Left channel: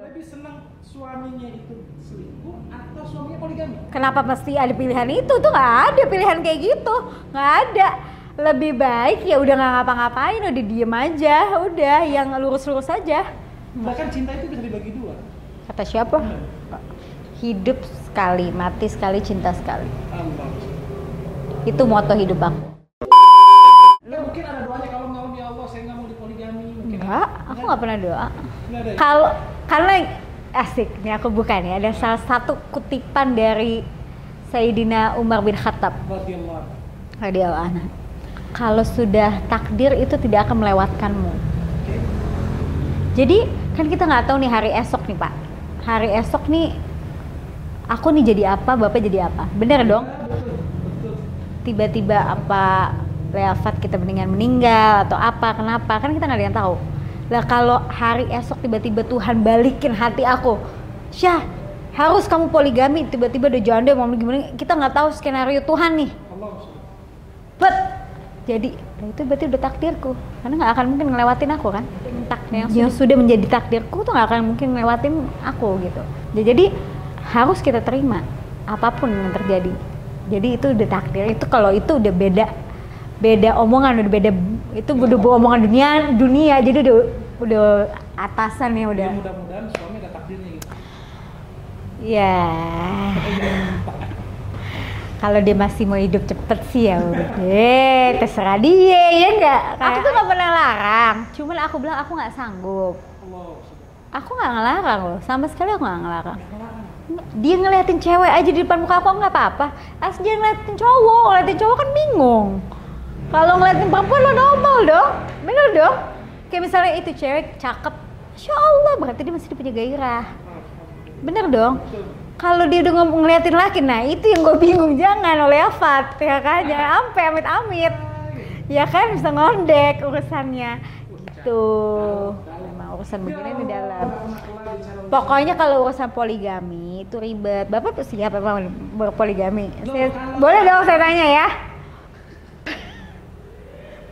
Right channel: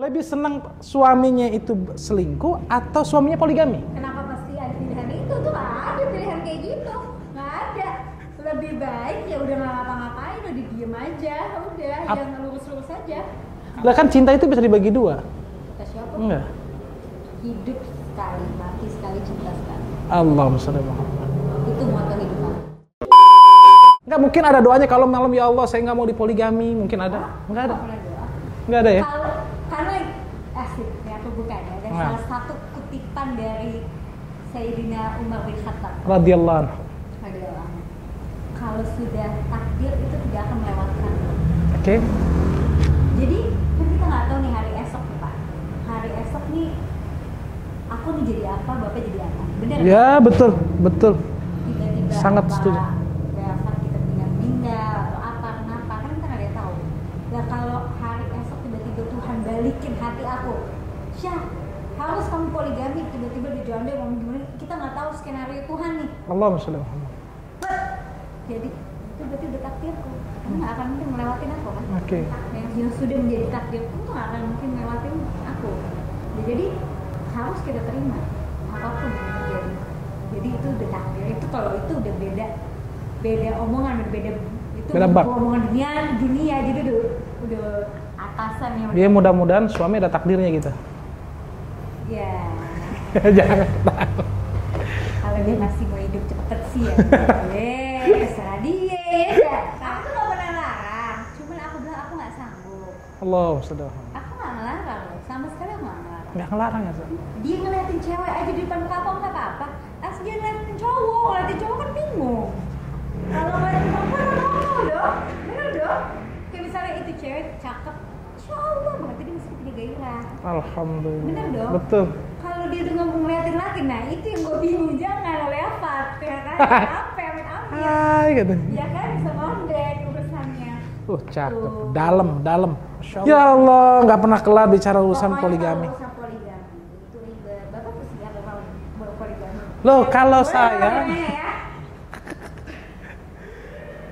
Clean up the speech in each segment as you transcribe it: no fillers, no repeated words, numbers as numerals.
Lebih senang suaminya itu selingkuh atau suaminya poligami? Kenapa mesti ada pilihan itu? Tuh nggak ada pilihan kayak gitu, nggak ada. Lebih baik ya udah nggak ngapa-ngapain, udah diem aja, udah yang lurus-lurus aja. Lah kan cinta itu bisa dibagi dua. Kata siapa? Enggak. Hidup sekali, mati sekali, cinta sekali. Allahumma sholli ala Muhammad. Itu moto hidup aku. Nggak mungkin ada doanya kalau malam ya Allah saya nggak mau dipoligami, mungkin ada? Aku nggak pernah doa. Nggak ada ya? Karena asik nih aku buka nih, ada salah satu kutipan dari Sayyidina Umar bin Khattab Radhiyallahu anhu. Kalau sudah takdir itu tidak akan melewatkanmu. Oke. Jadi kan kita nggak tahu nih hari esok nih Pak. Hari esok nih aku nih jadi apa, Bapak jadi apa. Bener dong? Ya betul. Tiba-tiba sangat apa wafat kita mendingan meninggal atau apa, kenapa, kan kita nggak ada yang tahu. Lah kalau hari esok tiba-tiba Tuhan balikin hati aku, Syah harus kamu poligami, tiba-tiba udah janda mau gimana, kita nggak tahu skenario Tuhan nih. Allahumma sholli ala Bet, jadi itu berarti udah takdirku, karena nggak akan mungkin ngelewatin aku kan. Yang sudah menjadi takdirku tuh nggak akan mungkin ngelewatin aku gitu. Jadi harus kita terima apapun yang terjadi. Jadi itu udah takdir. Itu kalau itu udah beda omongan, udah beda itu udah omongan dunia. Jadi udah atasan ya udah. Dia mudah-mudahan suami ada takdirnya gitu. Ya. Jangan. Kalau dia masih mau hidup cepet sih ya terserah dia ya enggak. Aku tuh gak pernah larang, cuman aku bilang aku gak sanggup. Allah sudah. Aku gak ngelarang loh, sama sekali aku gak ngelarang. Gak ngelarang ya? Dia ngeliatin cewek aja di depan muka aku nggak apa-apa. Asli dia ngeliatin cowok kan bingung. Kalau ngeliatin perempuan lo normal dong, bener dong. Kayak misalnya itu cewek cakep, Insya Allah berarti dia masih punya gairah. Alhamdulillah. Bener dong. Betul. Kalau dia udah ngeliatin laki, nah itu yang gue bingung, jangan oleh Afat, ya kan? Jangan sampai amit-amit. Gitu. Ya kan bisa ngondek urusannya. Cakep. Dalam. Urusan Ya Allah, nggak pernah kelar bicara urusan pokoknya poligami. kalau urusan poligami itu ribet. Bapak tuh siap emang berpoligami? Loh, kalau boleh saya... dong saya nanya ya.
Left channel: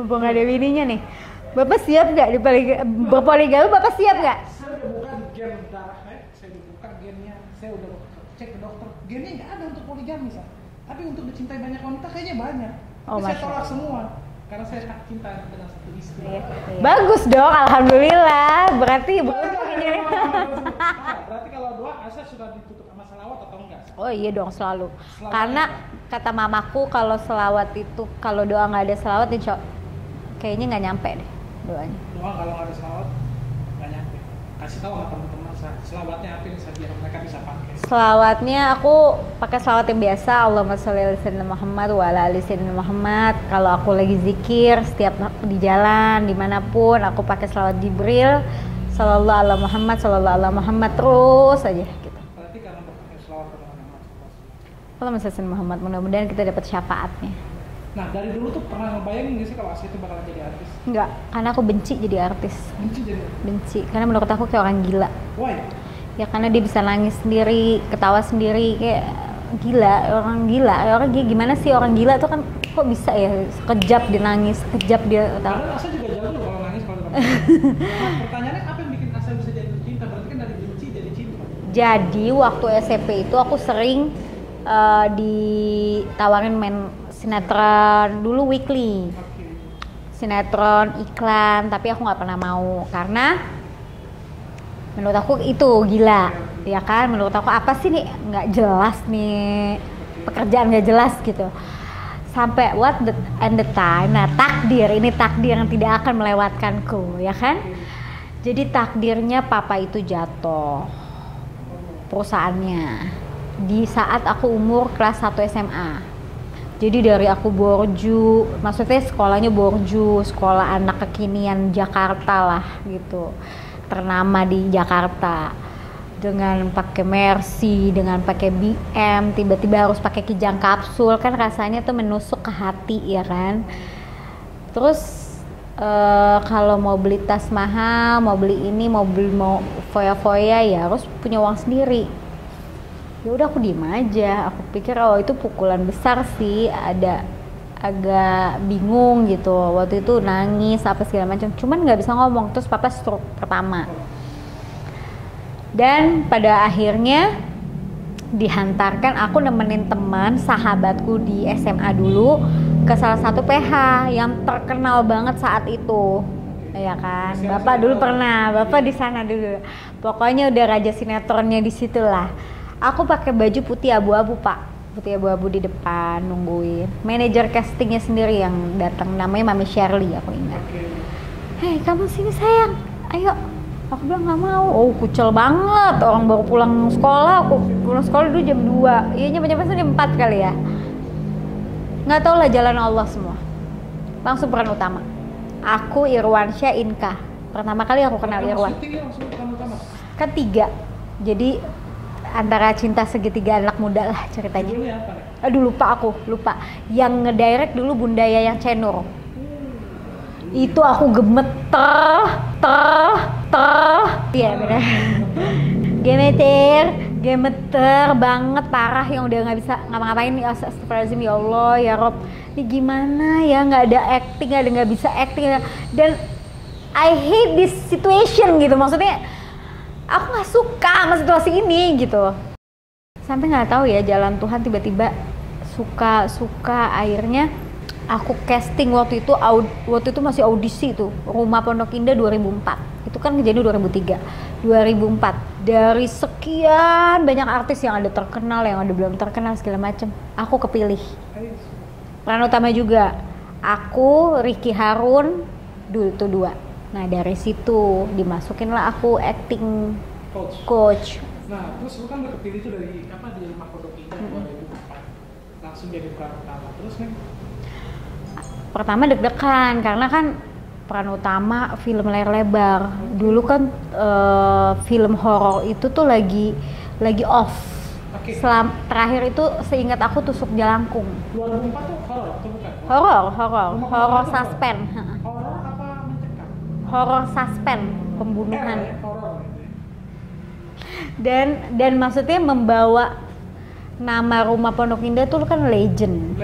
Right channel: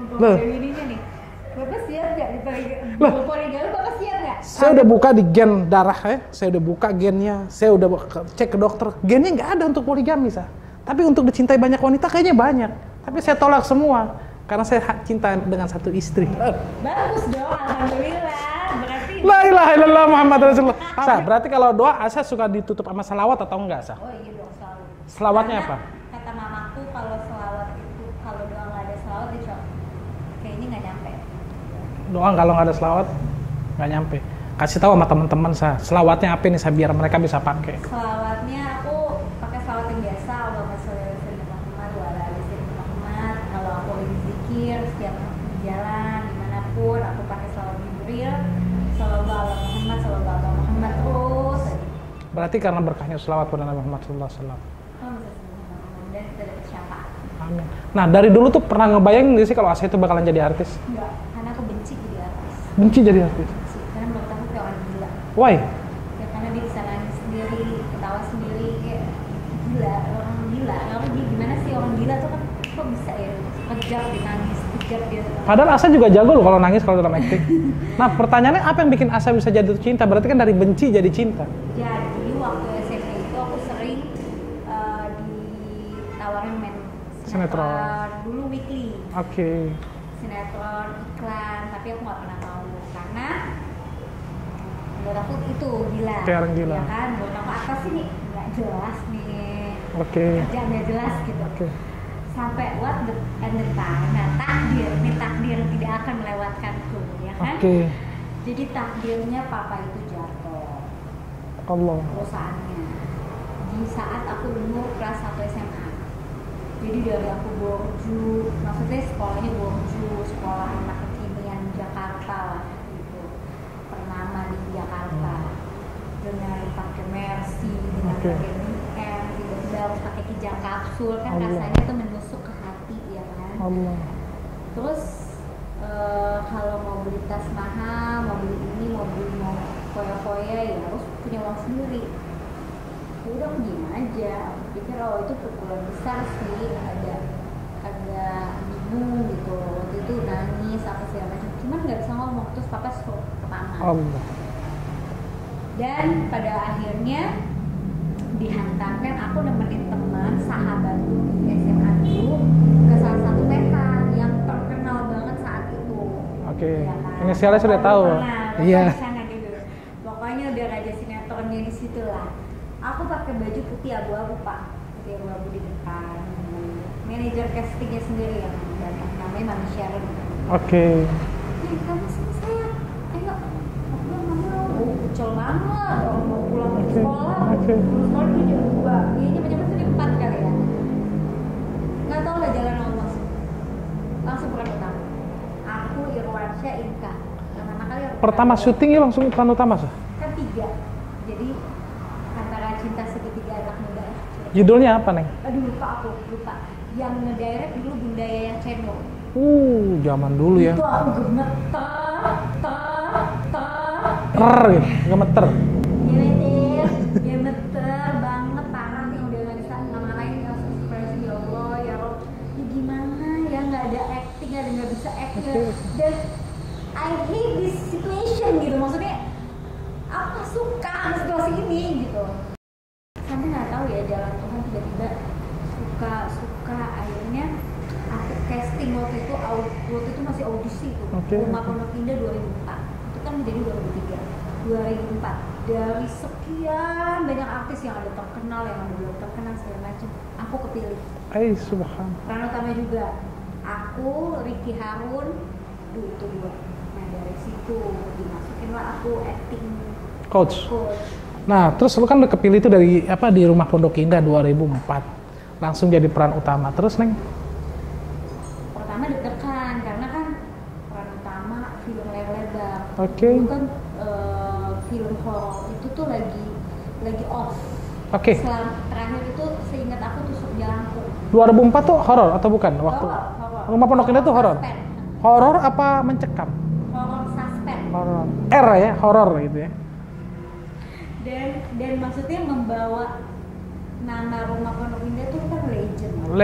Mumpung ada bininya nih. Bapak siap nggak berpoligami? Bapak siap nggak? Saya udah buka di gen darah ya. Saya udah buka gennya. Saya udah cek ke dokter. Gennya nggak ada untuk poligami, Sah. Tapi untuk dicintai banyak wanita kayaknya banyak. Tapi saya tolak semua. Karena saya cinta dengan satu istri. Bagus dong, alhamdulillah. Berarti La ilaha illallah Muhammad Rasulullah. Sah, berarti kalau doa Asa suka ditutup sama selawat atau enggak, Sah? Oh iya dong, selalu. Selawatnya karena apa? Kata mamaku kalau selawat itu, kalau doa nggak ada selawat kayaknya nggak nyampe deh doanya. Doa kalau nggak ada selawat nggak nyampe. Kasih tahu sama teman-teman, Sah. Selawatnya apa nih, Sah, biar mereka bisa pakai. Selawatnya aku pakai selawat yang biasa, Allahumma sholli ala sayyidina Muhammad wa ala ali sayyidina Muhammad. Kalau aku lagi zikir setiap di jalan dimanapun aku pakai selawat Jibril, sallallahu ala Muhammad, sallallahu ala Muhammad, terus aja gitu. Berarti karena berkahnya selawat pada Nabi Muhammad sallallahu alaihi wasallam. Allahumma sholli ala Muhammad, mudah-mudahan kita dapat syafaatnya. Amin. Nah, dari dulu tuh pernah ngebayangin nggak sih kalau Asa itu bakalan jadi artis? Enggak, karena aku benci jadi artis. Benci jadi artis? Benci, karena menurut aku kayak orang gila. Why? Ya karena dia bisa nangis sendiri, ketawa sendiri, kayak gila, orang gila. Orang gimana sih orang gila tuh kan kok bisa ya sekejap dia nangis, sekejap dia. Padahal Asa juga jago loh kalau nangis kalau dalam itu. Nah, pertanyaannya apa yang bikin Asa bisa jatuh cinta? Berarti kan dari benci jadi cinta. Jadi waktu SMP itu aku sering ditawarin main sinetron dulu weekly. Oke. Sinetron, iklan, tapi aku nggak pernah mau karena menurut aku itu gila, ya kan? Menurut aku apa sih nih nggak jelas nih, pekerjaan nggak jelas gitu. Sampai the time, nah takdir yang tidak akan melewatkanku, ya kan? Jadi takdirnya papa itu jatuh, perusahaannya di saat aku umur kelas 1 SMA. Jadi dari aku borju, maksudnya sekolahnya borju, sekolah anak kekinian Jakarta lah gitu, ternama di Jakarta, dengan pakai Mercy, dengan pakai BM, tiba-tiba harus pakai Kijang kapsul, kan rasanya tuh menusuk ke hati ya kan. Terus kalau mau beli tas mahal, mau beli ini, mau foya-foya ya harus punya uang sendiri. Ya udah aku diem aja, aku pikir oh itu pukulan besar sih, agak bingung gitu, waktu itu nangis apa segala macam, cuman nggak bisa ngomong. Terus papa stroke pertama. Dan pada akhirnya dihantarkan, aku nemenin teman sahabatku di SMA dulu ke salah satu PH yang terkenal banget saat itu. Ya kan, Bapak dulu pernah, Bapak di sana dulu. Pokoknya udah raja sinetronnya di situ lah. Aku pakai baju putih abu-abu Pak, putih abu-abu di depan nungguin. Manajer castingnya sendiri yang datang, namanya Mami Shirley aku ingat. Hei kamu sini sayang, ayo. Aku bilang nggak mau. Oh kucel banget, orang baru pulang sekolah. Aku pulang sekolah dulu jam 2. Iya nyampe jam 4 kali ya. Nggak tau lah jalan Allah semua. Langsung peran utama. Aku Irwansyah Inka. Pertama kali aku kenal Pertama Irwan. syutingnya langsung peran utama sih? Kan 3. Jadi antara cinta segitiga anak muda lah ceritanya. Judulnya apa Neng? Aduh lupa. Yang ngedirect dulu Bunda Yayang Cenur. Zaman dulu ya. Itu aku gemeter. Gemeter banget, parah, yang udah nggak bisa ngapa-ngapain nih. Astagfirullahaladzim, ya Allah, ya Rob, ini gimana ya, nggak ada acting, nggak bisa acting, dan I hate this situation gitu, maksudnya aku nggak suka sama situasi ini gitu. Sampai nggak tahu ya, jalan Tuhan tiba-tiba suka akhirnya aku casting waktu itu masih audisi tuh. Rumah Pondok Indah 2004. Itu kan kejadian 2004. Dari sekian banyak artis yang ada terkenal, yang ada belum terkenal segala macem, aku kepilih. Subhanallah. Peran utama juga. Aku, Ricky Harun, dulu itu 2. Nah dari situ dimasukinlah aku acting coach. Nah terus lu kan udah kepilih itu dari di Rumah Pondok Indah 2004. Langsung jadi peran utama. Terus Neng? Pertama deg-degan karena kan peran utama film layar lebar. Dulu kan film horor itu tuh lagi off. Terakhir itu seingat aku Tusuk Jalangkung. 2004 tuh horor atau bukan? Horor. Rumah Pondok Indah tuh horor. Horor apa mencekam? Horor suspen. R ya, horor gitu ya. Dan maksudnya membawa nama Rumah Pondok Indah tuh kan legend.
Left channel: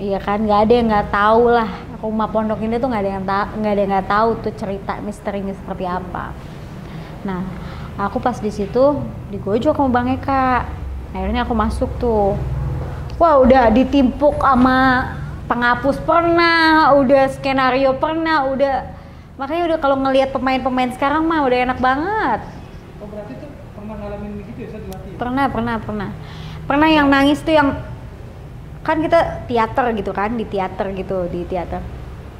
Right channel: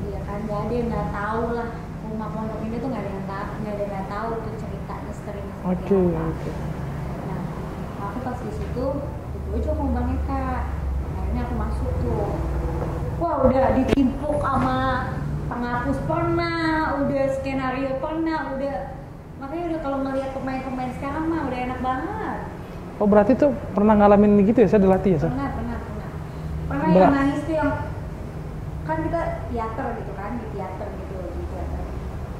Iya kan, nggak ada yang nggak tahu lah Rumah Pondok Indah tuh, nggak ada yang nggak tahu tuh cerita misterinya seperti apa. Nah, aku pas di situ digojok sama Bang Eka. Akhirnya aku masuk tuh. Wah, udah ditimpuk sama penghapus pernah, udah skenario pernah, makanya udah kalau ngelihat pemain-pemain sekarang mah udah enak banget. Oh berarti tuh pernah ngalamin gitu ya, saya dilatih ya? Pernah yang nangis tuh, yang kan kita teater gitu kan, di teater.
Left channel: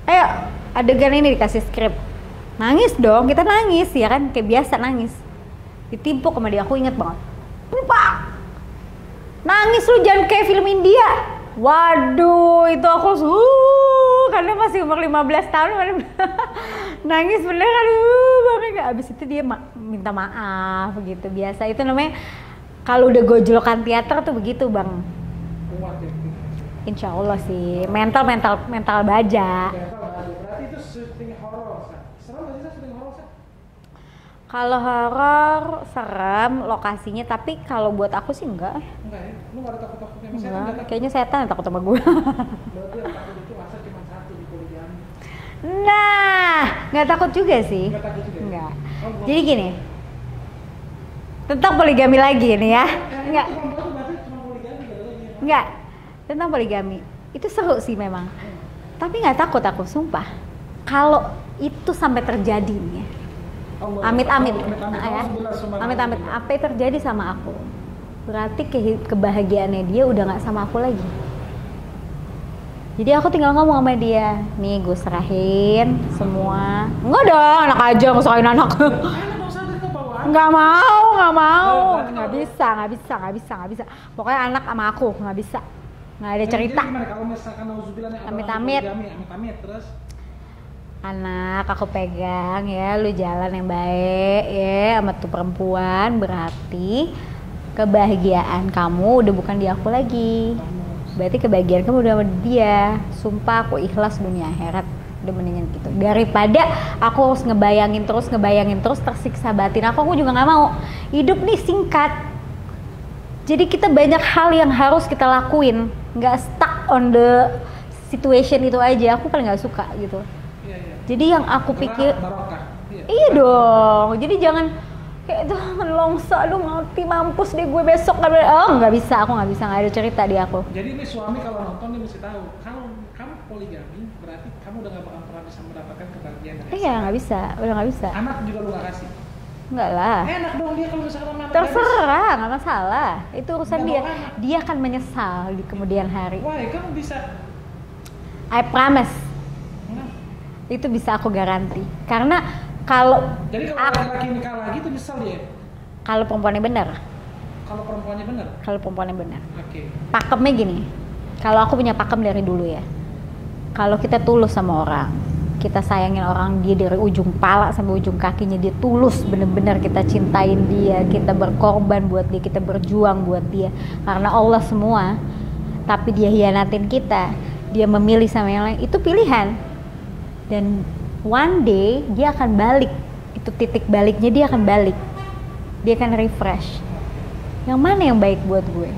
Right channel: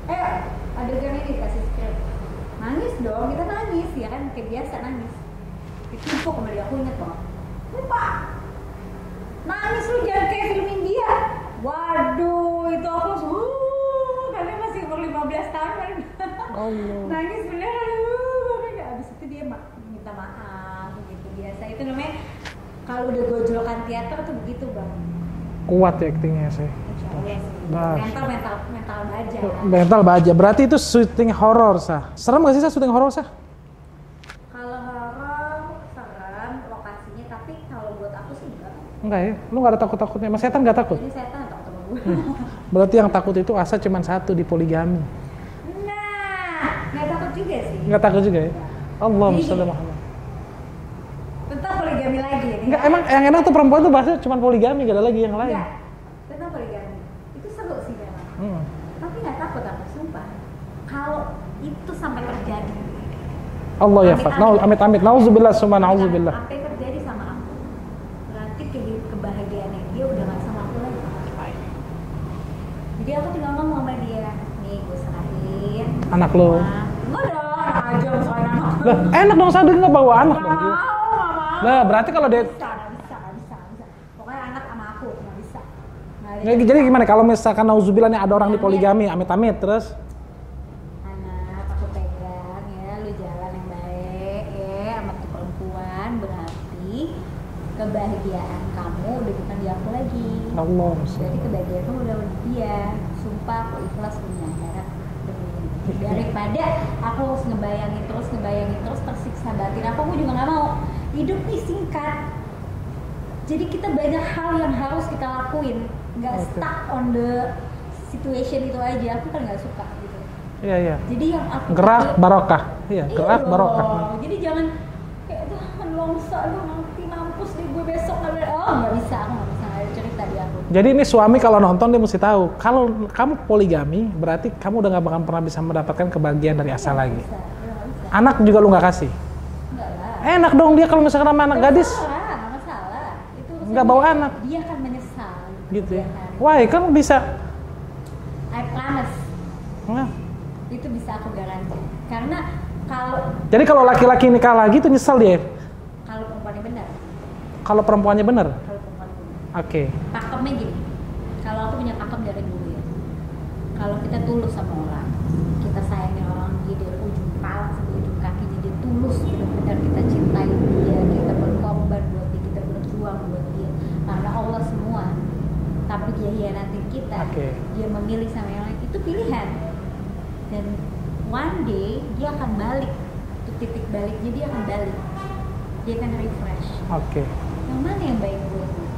Ayo adegan ini dikasih skrip, nangis dong, kita nangis ya kan, kayak biasa nangis. Ditimpuk sama dia, aku inget banget. Ini Pak, nangis lu jangan kayak film India. Waduh, itu aku karena masih umur 15 tahun nangis beneran. Abis itu dia minta maaf gitu, biasa. Itu namanya kalau udah gojlokan teater tuh begitu Bang. Kuat ya aktingnya sih. Insya Allah sih. Mental baja. Mental baja. Berarti itu syuting horor sah. Serem gak sih syuting horor sah? Kalau horor serem lokasinya, tapi kalau buat aku sih enggak. Enggak ya? Lu gak ada takut-takutnya? Mas setan gak takut? Kayaknya setan takut sama gue. Berarti yang takut itu Asa cuma satu, di poligami. Nah, nggak takut juga sih. Nggak takut juga ya? Enggak. Allah. Jadi gini, tentang poligami lagi nih ya. Yang enak tuh perempuan tuh bahasanya cuma poligami, gak ada lagi yang lain. Enggak, tentang poligami. Itu seru sih memang. Tapi nggak takut aku, sumpah. Kalau itu sampai terjadi nih. Allah ya, amit-amit. Nauzubillah summa nauzubillah. Apa yang terjadi sama aku? Berarti kebahagiaannya dia udah nggak sama aku lagi. Jadi aku tinggal ngomong sama dia, nih gue serahin anak semua. lo. Enggak dong, anak aja ngusahain anak. Enak dong, sadar nggak bawa anak. Nggak mau. Nah, berarti kalau dia nggak bisa. Pokoknya anak sama aku nggak bisa. Nggak ada cerita. Jadi gimana kalau misalkan nauzubillah nih ada orang di poligami, amit-amit terus? Anak aku pegang ya, lu jalan yang baik ya sama tuh perempuan, berarti kebahagiaan kamu udah bukan di aku lagi. Allah. Berarti kebahagiaan kamu udah sama dia. Sumpah aku ikhlas dunia akhirat, udah mendingan gitu. Daripada aku harus ngebayangin terus tersiksa batin. Aku juga nggak mau. Hidup nih singkat. Jadi kita banyak hal yang harus kita lakuin, nggak stuck on the situation itu aja. Aku kan nggak suka gitu. Iya. Jadi yang aku gerak pikir barokah. Iya dong. Barokah. Jadi jangan kayak tuh menlongso, aduh mati mampus deh gue besok. Oh nggak bisa, aku nggak bisa, nggak ada cerita di aku. Jadi ini suami kalau nonton dia mesti tahu, kalau kamu poligami berarti kamu udah nggak bakal pernah bisa mendapatkan kebahagiaan dari asal Iya nggak lain. bisa, udah nggak bisa. Anak juga lu nggak kasih. Enggak lah. Enak dong dia kalau misalkan sama anak gadis. Terserah, nggak masalah. Itu urusan Nggak dia. bawa anak. Dia akan menyesal di kemudian hari. Wah, kan bisa. I promise. Nah. Itu bisa aku garansi. Karena kalau Jadi kalau laki-laki nikah lagi tuh nyesel dia. kalau perempuannya benar, Kalau perempuannya bener. kalau perempuannya benar. Oke. Pakemnya gini. Kalau aku punya pakem dari dulu ya. Kalau kita tulus sama orang, kita sayangin orang dia dari ujung pala sampai ujung kakinya, dia tulus bener-bener kita cintain dia, kita berkorban buat dia, kita berjuang buat dia karena Allah semua, tapi dia hianatin kita, dia memilih sama yang lain, itu pilihan. Dan one day dia akan balik, itu titik baliknya, dia akan balik, dia akan refresh. Oke. Yang mana yang baik buat gue?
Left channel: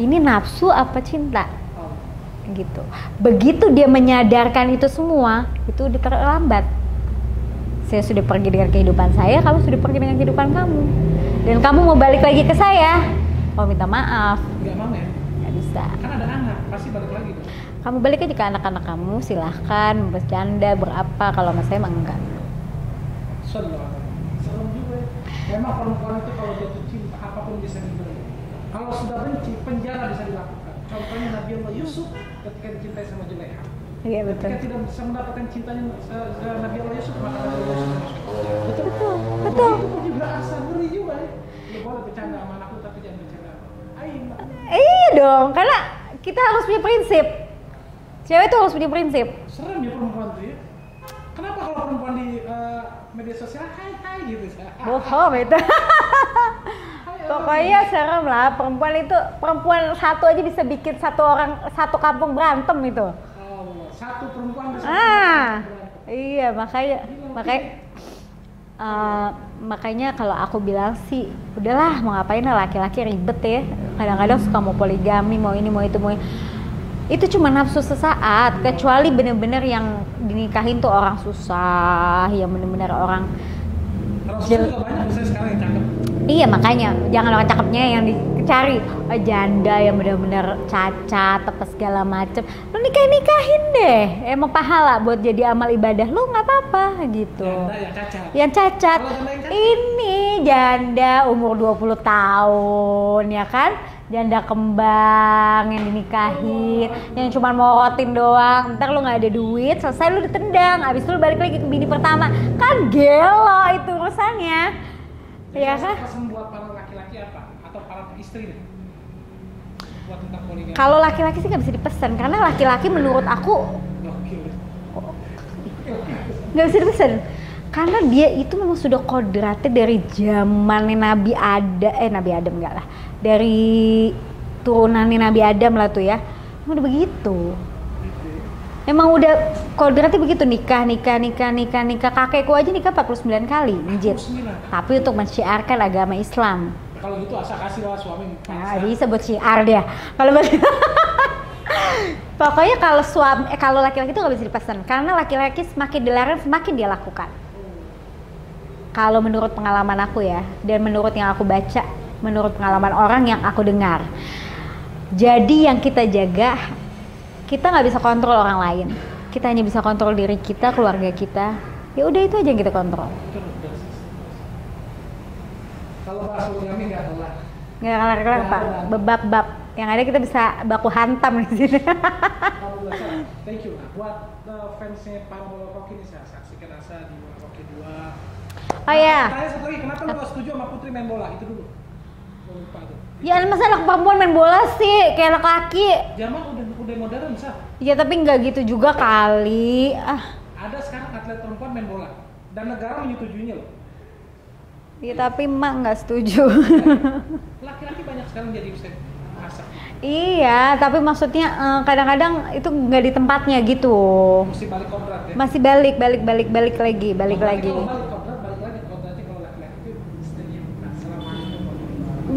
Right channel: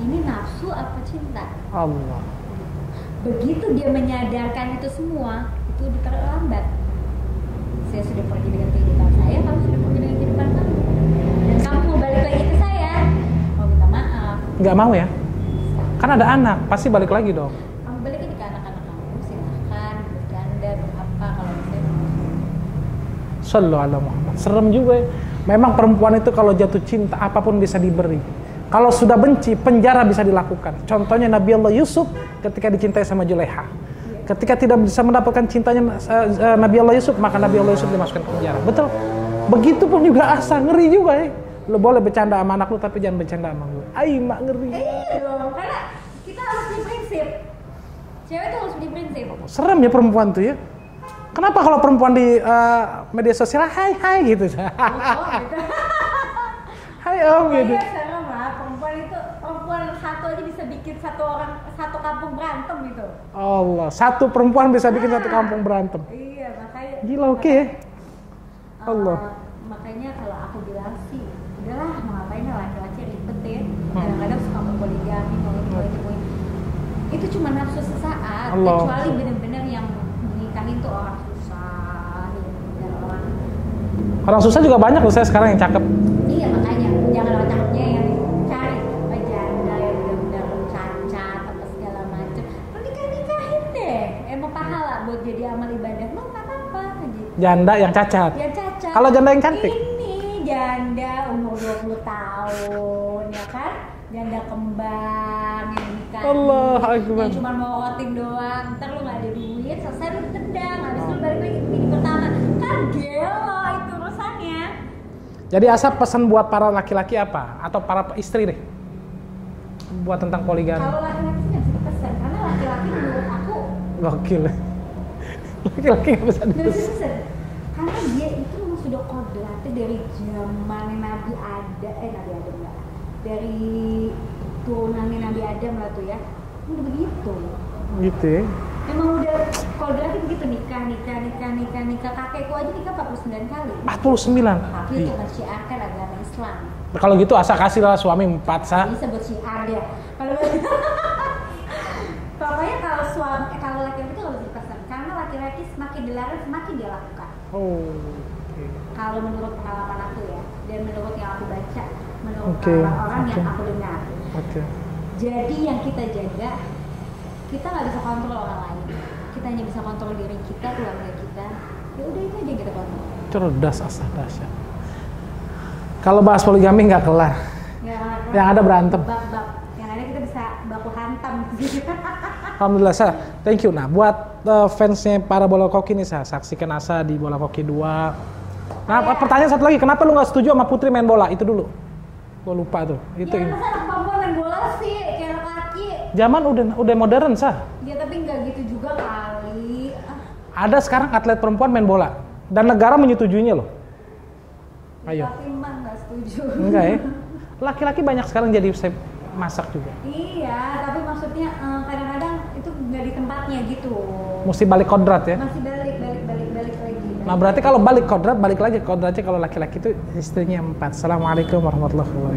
Ini nafsu apa cinta? Allah. Gitu. Begitu dia menyadarkan itu semua, itu udah terlambat. Saya sudah pergi dengan kehidupan saya, kamu sudah pergi dengan kehidupan kamu. Dan kamu mau balik lagi ke saya, kamu minta maaf. Nggak mau ya? Nggak bisa. Kan ada anak, pasti balik lagi dong. Kamu balik aja ke anak-anak kamu, silahkan bercanda, berapa. Kalau sama saya emang enggak. Sallallahu alaihi Muhammad. Serem juga ya. Memang perempuan itu kalau jatuh cinta apapun bisa diberi. Kalau sudah benci, penjara bisa dilakukan. Contohnya Nabi Allah Yusuf ketika dicintai sama Juleha. Iya, Ketika tidak bisa mendapatkan cintanya Nabi Allah Yusuf, maka Nabi Allah Yusuf dimasukkan ke penjara. Betul? Begitupun juga Asa, ngeri juga ya. Lo boleh bercanda sama anak lu, tapi jangan bercanda sama gue. Mak ngeri. Iya dong, karena kita harus punya prinsip. Cewek tuh harus punya prinsip. Serem ya perempuan tuh ya. Kenapa kalau perempuan di media sosial, hai gitu. Oh, gitu. Hai om. Pokoknya serem lah, perempuan satu aja bisa bikin satu kampung berantem itu. Allah, satu perempuan bisa bikin satu kampung berantem. Iya, makanya. Gila, oke. Makanya kalau aku bilang sih, udahlah mau ngapain lah, laki-laki ribet ya. Kadang-kadang suka mau poligami, mau ini, mau itu, mau ini. Itu cuma nafsu sesaat, Allah. kecuali bener-bener yang dinikahin tuh orang susah, yang bener-bener orang Susah juga banyak loh saya sekarang yang cakep. Iya, makanya jangan orang cakepnya yang dicari, janda yang benar-benar cacat apa segala macem. Lu nikahin deh, emang pahala buat jadi amal ibadah lu, nggak apa-apa gitu. Janda yang cacat. Yang cacat. Kalau janda yang cantik? Ini janda umur 20 tahun ya kan? Janda kembang yang dinikahin, yang cuma morotin doang. Ntar lu nggak ada duit, selesai lu ditendang, abis itu lu balik lagi ke bini pertama. Kan gelo itu urusannya. Jadi ya Asa kan? pesan buat para laki-laki apa? Atau para istri deh? Buat tentang poligami. Kalau laki-laki sih nggak bisa dipesan, karena laki-laki menurut aku Gokil. Laki-laki nggak bisa dipesan. Karena dia itu memang sudah kodratnya dari zamannya Nabi Adam enggak lah. Dari turunannya Nabi Adam lah tuh ya. Udah begitu. Gitu ya. Emang udah kodratnya begitu, nikah. Kakekku aja nikah 49 kali. 49. Tapi untuk mensyiarkan agama Islam. Kalau gitu Asa kasih lah suami 4 Nggak bisa buat syiar dia. Kalau pokoknya kalau laki-laki itu nggak bisa dipesan, karena laki-laki semakin dilarang semakin dia lakukan. Kalau menurut pengalaman aku ya, dan menurut yang aku baca, menurut pengalaman orang yang aku dengar. Jadi yang kita jaga, kita nggak bisa kontrol orang lain. Kita hanya bisa kontrol diri kita, keluarga kita. Ya udah itu aja yang kita kontrol. Cerdas Asa, dahsyat. Kalau bahas poligami nggak kelar. Nggak kelar. Yang ada berantem. Bab-bab. Yang ada kita bisa baku hantam di sini. Alhamdulillah Sa, thank you. Nah buat fansnya para bola koki nih Sa, saksikan Asa di Bola Koki 2. Pertanyaan satu lagi, kenapa lu nggak setuju sama Putri main bola? Itu dulu. Gua lupa tuh. Ya masa anak perempuan main bola sih, kayak anak laki. Zaman udah modern Sa. Ya tapi nggak gitu juga kali. Ada sekarang atlet perempuan main bola dan negara menyetujuinya loh. Ya, tapi emak nggak setuju. Ya? Laki-laki banyak sekarang jadi masak juga. Iya, tapi maksudnya kadang-kadang itu nggak di tempatnya gitu. Mesti balik kodrat ya? Masih balik lagi. Nah, berarti kalau balik kodrat, balik lagi kodratnya kalau laki-laki itu istrinya 4. Assalamualaikum warahmatullahi wabarakatuh.